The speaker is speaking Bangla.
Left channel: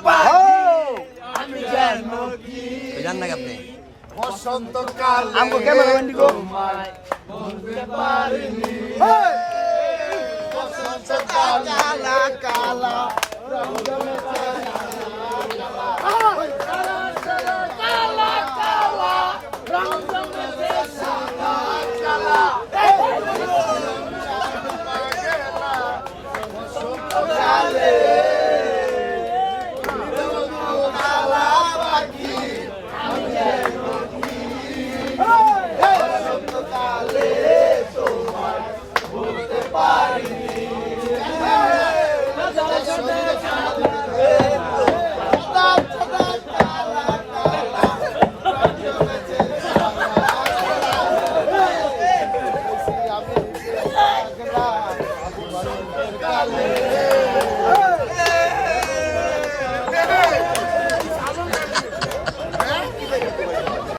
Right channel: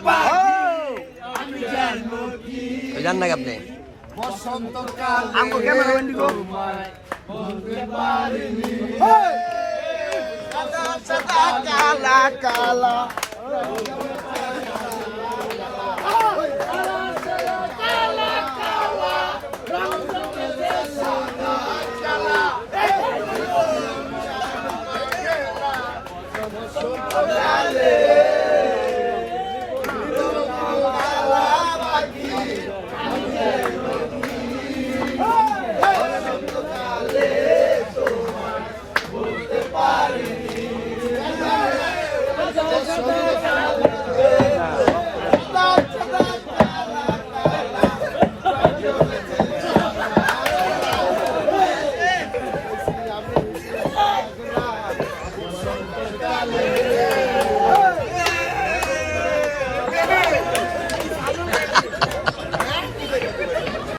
পাখি আমি যেন কি জান না আপনি? বসন্তকালে বলতে পারিনি। বসন্তকালে কালা কালা Fortaleza!